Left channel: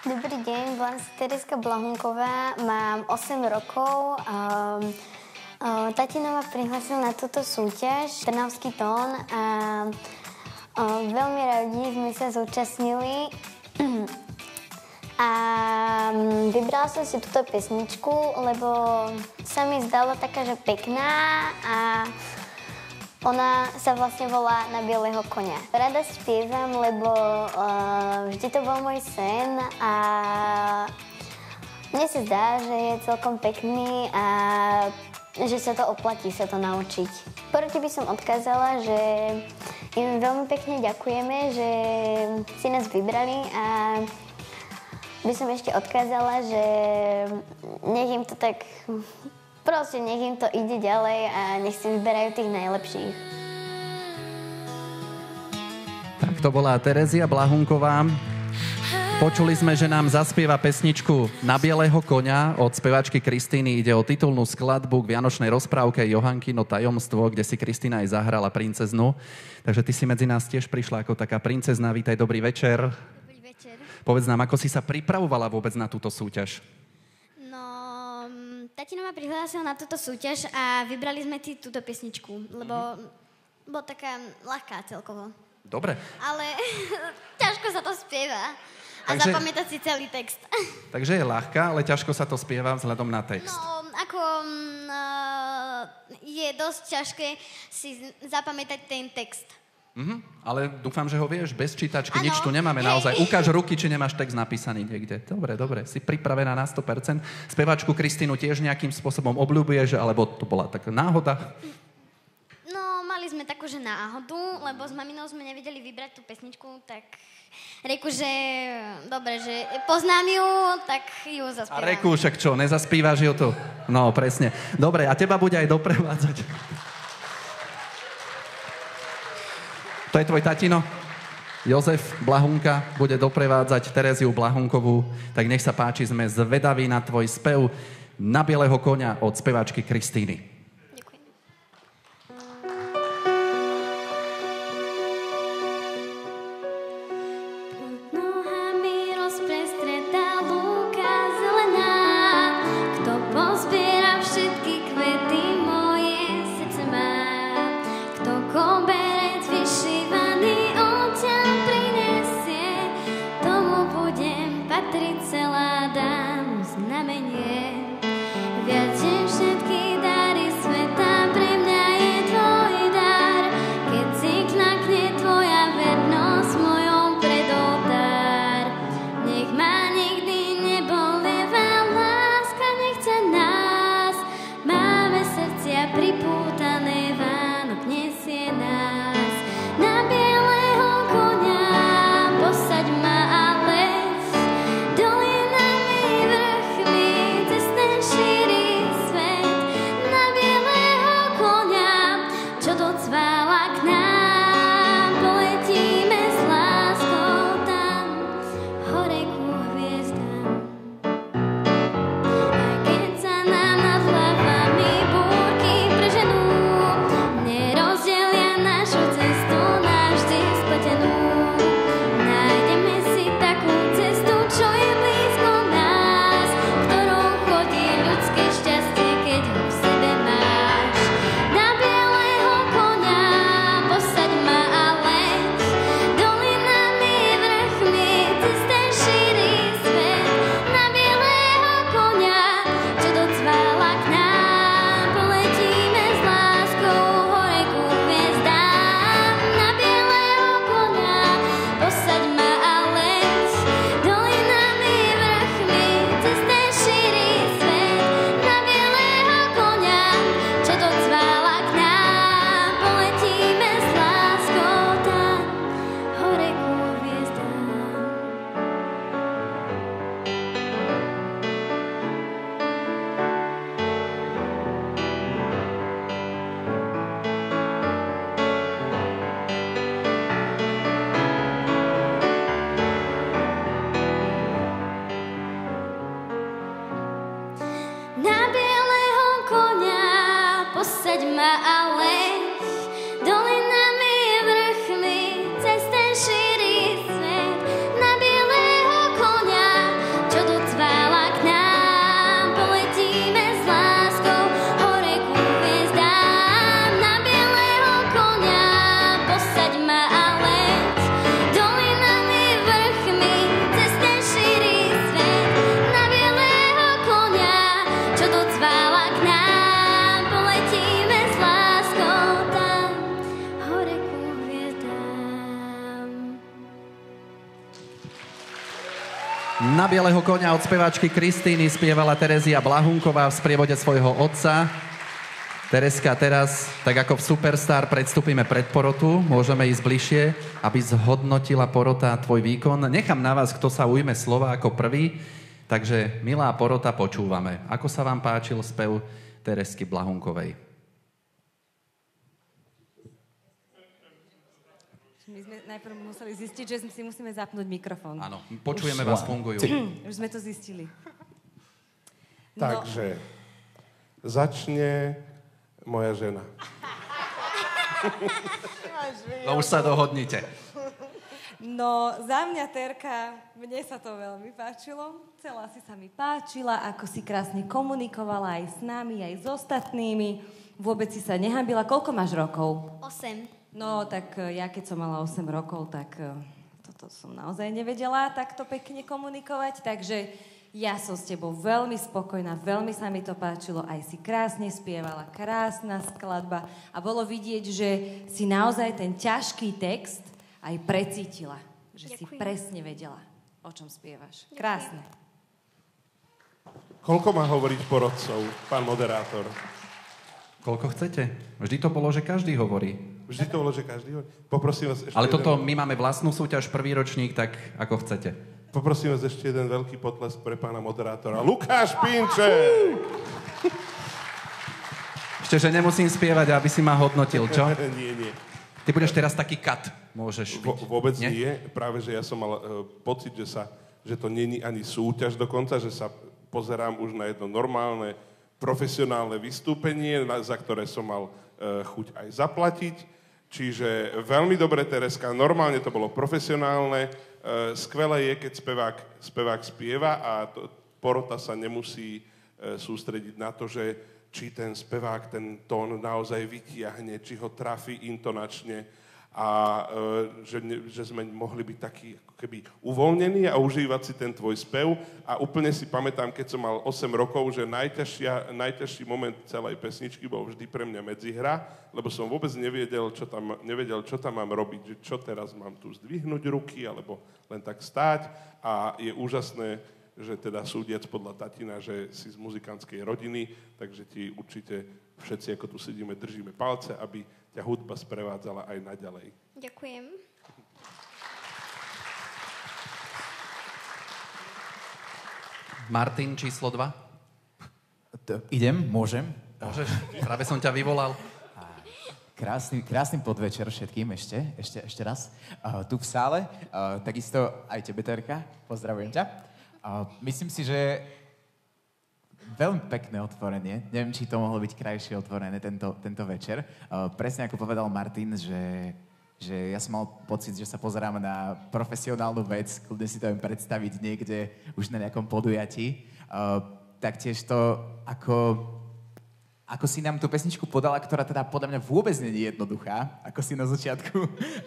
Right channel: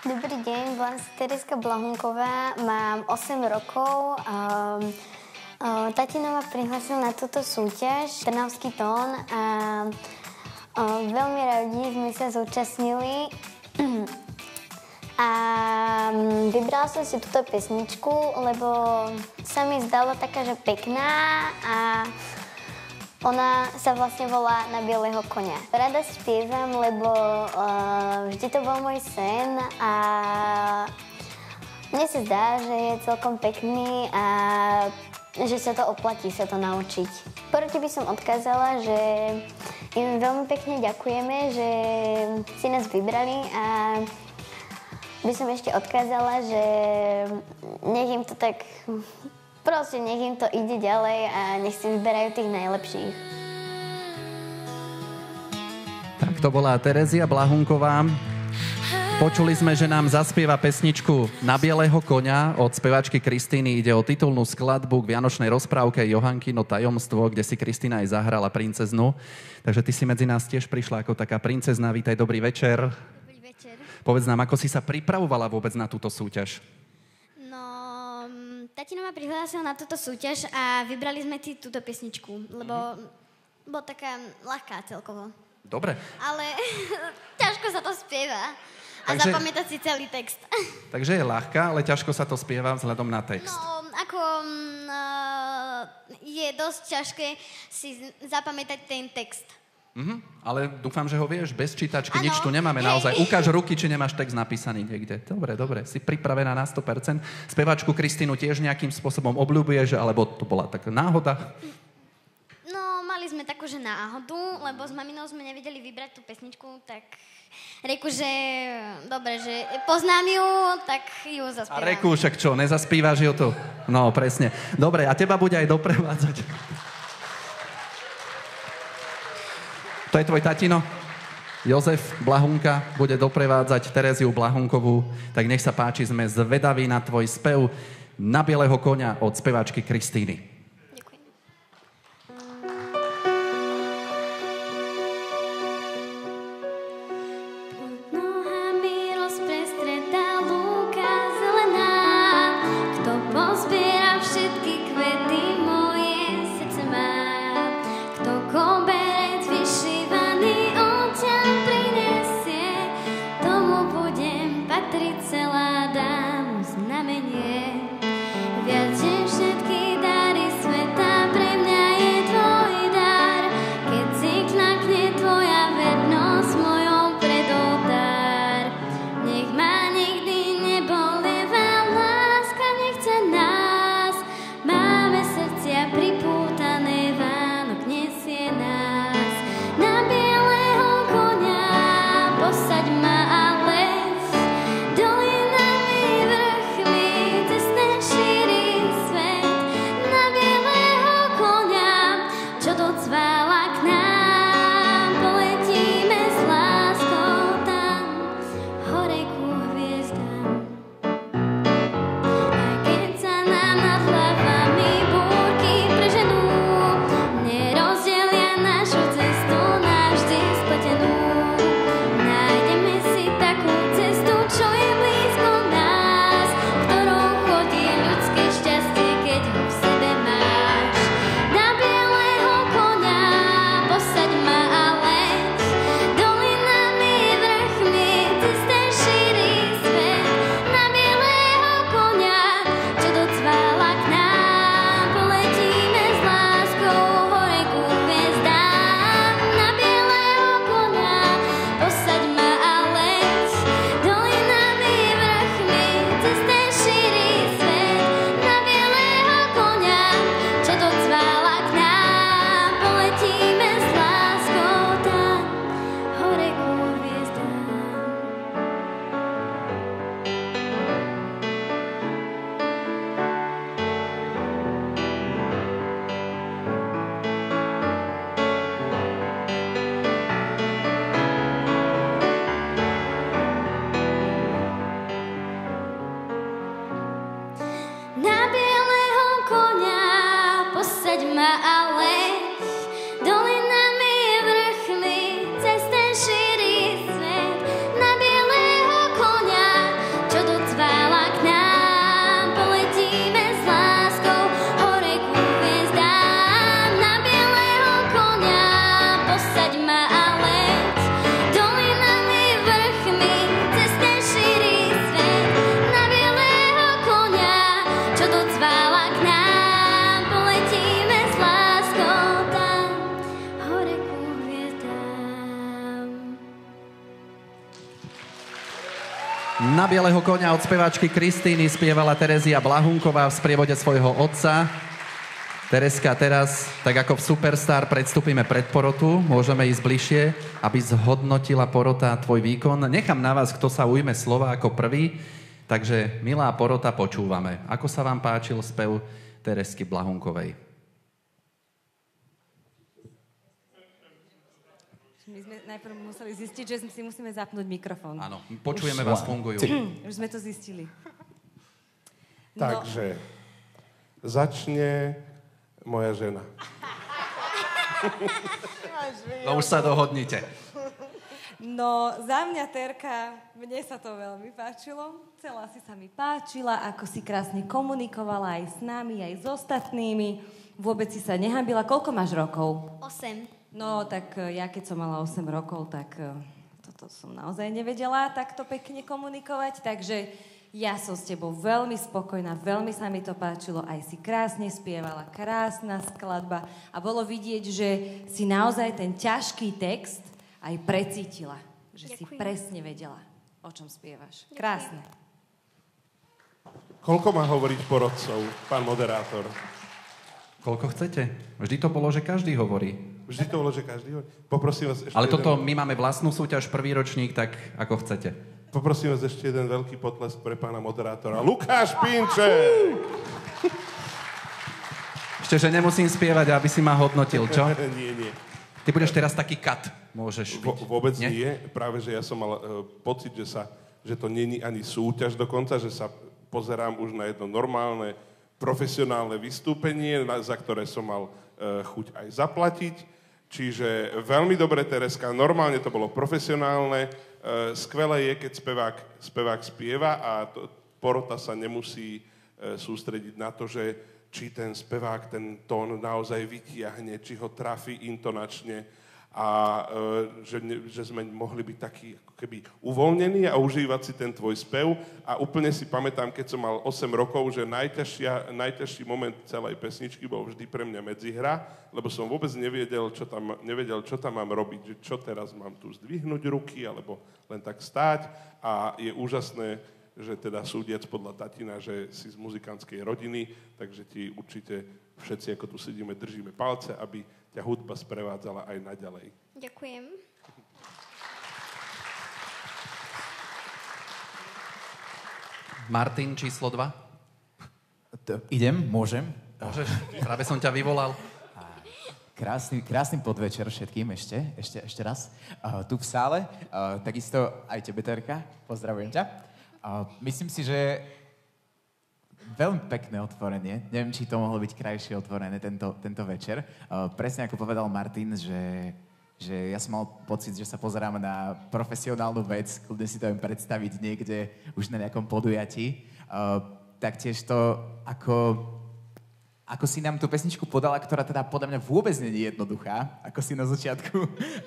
Dobrý deň, volám sa Tereska Blahunková, mám 8 rokov. Tatina ma prihlásil na túto súťaž, Trnavský tón, a veľmi radi sme sa zúčastnili. A vybrala som si túto pesničku, lebo sa mi zdala taká, že pekná a ona sa vlastne volá Na bieleho konia. Rada spievam, lebo vždy to bol môj sen a mne sa zdá, že je celkom pekný a že sa to oplatí sa to naučiť. Porade by som odkázala, že im veľmi pekne ďakujeme, že si nás vybrali a by som ešte odkázala, že nech im to tak... Proste nech im to ide ďalej a nech si vyberajú tých najlepších. Tak to bola Terezia Blahunková. Počuli sme, že nám zaspieva pesničku Na bieleho koňa od spevačky Kristíny. Ide o titulnú skladbu k vianočnej rozprávke Johankino tajomstvo, kde si Kristína aj zahrala princeznu. Takže ty si medzi nás tiež prišla ako taká princezna. Vítaj, dobrý večer. Dobrý večer. Povedz nám, ako si sa pripravovala vôbec na túto súťaž? Tatino ma prihlásil na túto súťaž a vybrali sme si túto pesničku, lebo bola taká ľahká celkovo. Dobre. Ale ťažko sa to spieva a zapamätať si celý text. Takže je ľahká, ale ťažko sa to spieva vzhľadom na text. Je dosť ťažké si zapamätať ten text. Ale dúfam, že ho vieš bez čítačky, nič tu nemáme naozaj. Ukáž ruky, či nemáš text napísaný niekde. Dobre, si pripravená na 100%. Spevačku Kristínu tiež nejakým spôsobom obľúbuješ, alebo to bola taká náhoda? Mali sme takú, že náhodu, lebo s maminou sme nevedeli vybrať tú pesničku, tak reku, že dobre, že poznám ju, tak ju zaspievam. A reku, však čo, nezaspívaš ju tu? No, presne. Dobre, a teba bude aj doprevádzať. To je tvoj tatino? Jozef Blahunka bude doprevádzať Tereziu Blahunkovú. Tak nech sa páči, sme zvedaví na tvoj spev Na bieleho koňa od spevačky Kristíny. Pozbiera všetky kvety, moje srdce má. Kto koberec vyšívaný odtiaľ prinesie, tomu budem patriť celá, dám znamenie. Viac, že všetky dary Na bieleho koňa od speváčky Kristýny spievala Terezia Blahunková v sprievode svojho otca. Tereska, teraz, tak ako v Superstar, predstúpime pred porotu. Môžeme ísť bližšie, aby zhodnotila porota tvoj výkon. Nechám na vás, kto sa ujme slova ako prvý. Takže, milá porota, počúvame. Ako sa vám páčil spev Teresky Blahunkovej? My sme najprv museli zistiť, že si musíme zapnúť mikrofón. Áno, počujeme vás, fungujú. Už sme to zistili. Takže, začne moja žena. To už sa dohodnite. No, za mňa, Terka, mne sa to veľmi páčilo. Celá si sa mi páčila, ako si krásne komunikovala aj s nami, aj s ostatnými. Vôbec si sa nehanbila. Koľko máš rokov? 8. No, tak ja keď som mala 8 rokov, tak toto som naozaj nevedela takto pekne komunikovať, takže ja som s tebou veľmi spokojná, veľmi sa mi to páčilo, aj si krásne spievala, krásna skladba a bolo vidieť, že si naozaj ten ťažký text aj precítila, že si presne vedela, o čom spievaš. Krásne. Koľko má hovoriť porodcov, pán moderátor? Koľko chcete? Vždy to bolo, že každý hovorí. Vždy to bolo, že každý hovorí. Poprosím vás ešte Ale toto, my máme vlastnú súťaž, prvý ročník, tak ako chcete. Poprosím vás ešte jeden veľký potlesk pre pána moderátora. Lukáš Pinček! Ešte, že nemusím spievať, aby si ma hodnotil, čo? Nie. Ty budeš teraz taký kat, môžeš byť. Vôbec nie. Práve, že ja som mal pocit, že to nie je ani súťaž dokonca, že sa pozerám už na jedno normálne, profesionálne vystúpenie, za ktoré som mal chuť aj zaplatiť. Čiže veľmi dobre, Tereska, normálne to bolo profesionálne. Skvelé je, keď spevák spieva a porota sa nemusí sústrediť na to, že či ten spevák ten tón naozaj vytiahne, či ho trafí intonačne a že sme mohli byť takí ako keby uvoľnení a užívať si ten tvoj spev. A úplne si pamätám, keď som mal 8 rokov, že najťažší moment celej pesničky bol vždy pre mňa medzihra, lebo som vôbec nevedel, čo tam mám robiť, že čo teraz mám tu zdvihnúť ruky, alebo len tak stáť. A je úžasné, že teda súdiac podľa tatina, že si z muzikantskej rodiny, takže ti určite všetci, ako tu sedíme, držíme palce, aby ťa hudba sprevádzala aj naďalej. Ďakujem. Martin, číslo 2. Idem? Môžem? Môžeš? Práve som ťa vyvolal. Krásny podvečer všetkým ešte raz. Tu v sále, takisto aj tebe, Terka, pozdravujem ťa. Myslím si, že veľmi pekné otvorenie. Neviem, či to mohlo byť krajšie otvorené tento večer. Presne ako povedal Martin, že ja som mal pocit, že sa pozerám na profesionálnu vec, kľudne si to viem predstaviť niekde už na nejakom podujatí. Taktiež to, ako si nám tú pesničku podala, ktorá teda podľa mňa vôbec nie je jednoduchá, ako si na začiatku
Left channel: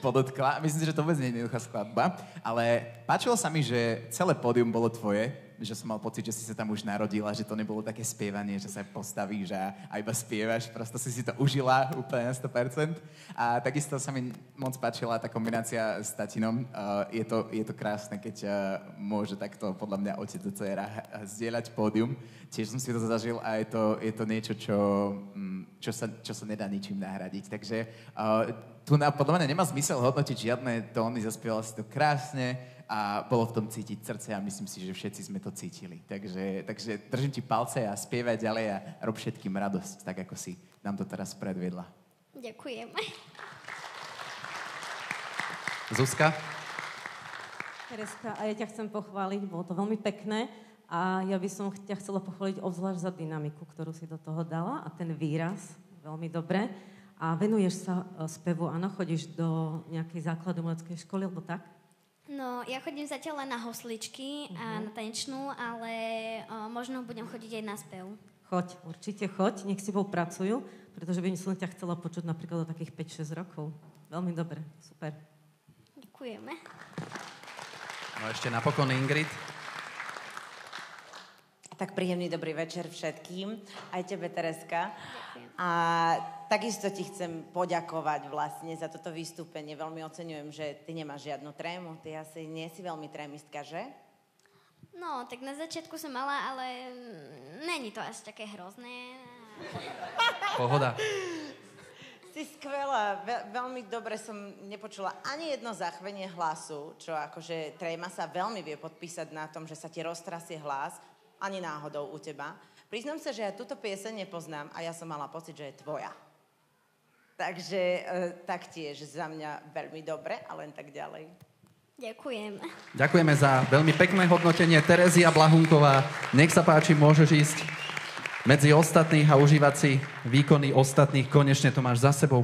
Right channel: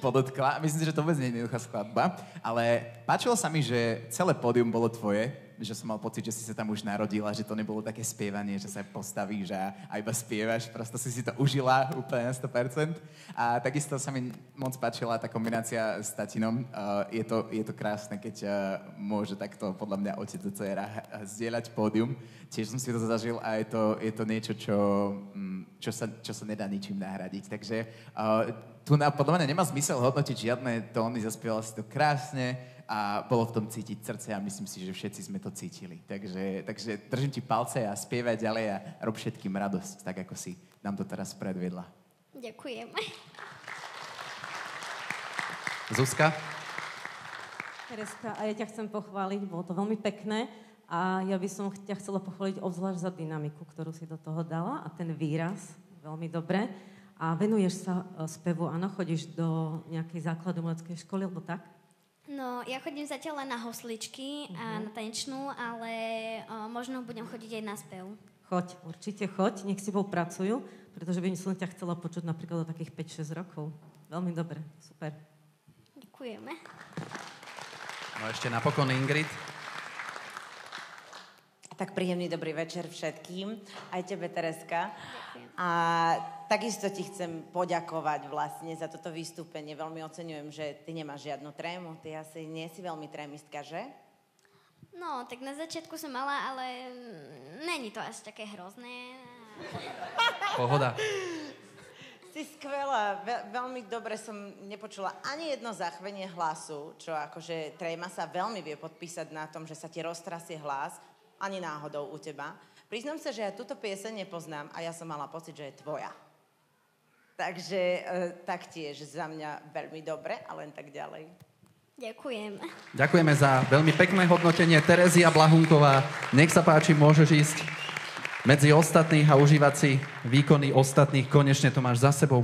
podotkla. Myslím si, že to vôbec nie je jednoduchá skladba, ale páčilo sa mi, že celé pódium bolo tvoje, že som mal pocit, že si sa tam už narodila, že to nebolo také spievanie, že sa postavíš a iba spievaš, prosto si to užila úplne na 100%. A takisto sa mi moc páčila tá kombinácia s tatinom. Je to krásne, keď môže takto podľa mňa otec a dcera zdieľať pódium. Tiež som si to zažil a je to niečo, čo sa nedá ničím nahradiť. Takže tu podľa mňa nemá zmysel hodnotiť žiadne tóny, zaspievala si to krásne a bolo v tom cítiť srdce a myslím si, že všetci sme to cítili. Takže držím ti palce a spievaj ďalej a rob všetkým radosť, tak ako si nám to teraz predviedla. Ďakujem. Zuzka? Tereska, a ja ťa chcem pochváliť, bolo to veľmi pekné a ja by som ťa chcela pochváliť obzvlášť za dynamiku, ktorú si do toho dala a ten výraz, veľmi dobre. A venuješ sa spevu, áno, chodíš do nejakej základumeleckej školy, alebo tak? No, ja chodím zatiaľ len na hosličky a na tanečnú, ale možno budem chodiť aj na spev. Choď, určite choď, nech si bol pracujú, pretože by som ťa chcela počuť napríklad o takých 5-6 rokov. Veľmi dobre, super. Ďakujeme. No ešte napokon Ingrid. Tak príjemný dobrý večer všetkým, aj tebe, Tereska. Ďakujem. A takisto ti chcem poďakovať vlastne za toto vystúpenie. Veľmi oceňujem, že ty nemáš žiadnu trému. Ty asi nie si veľmi trémistka, že? No, tak na začiatku som mala, ale není to až také hrozné. Pohoda. Si skvelá, veľmi dobre som nepočula ani jedno zachvenie hlasu, čo akože tréma sa veľmi vie podpísať na tom, že sa ti roztrasie hlas, ani náhodou u teba. Priznám sa, že ja túto pieseň nepoznám a ja som mala pocit, že je tvoja. Takže taktiež za mňa veľmi dobre a len tak ďalej. Ďakujem. Ďakujeme za veľmi pekné hodnotenie. Terezia Blahunková, nech sa páči, môžeš ísť medzi ostatných a užívať si výkony ostatných. Konečne to máš za sebou.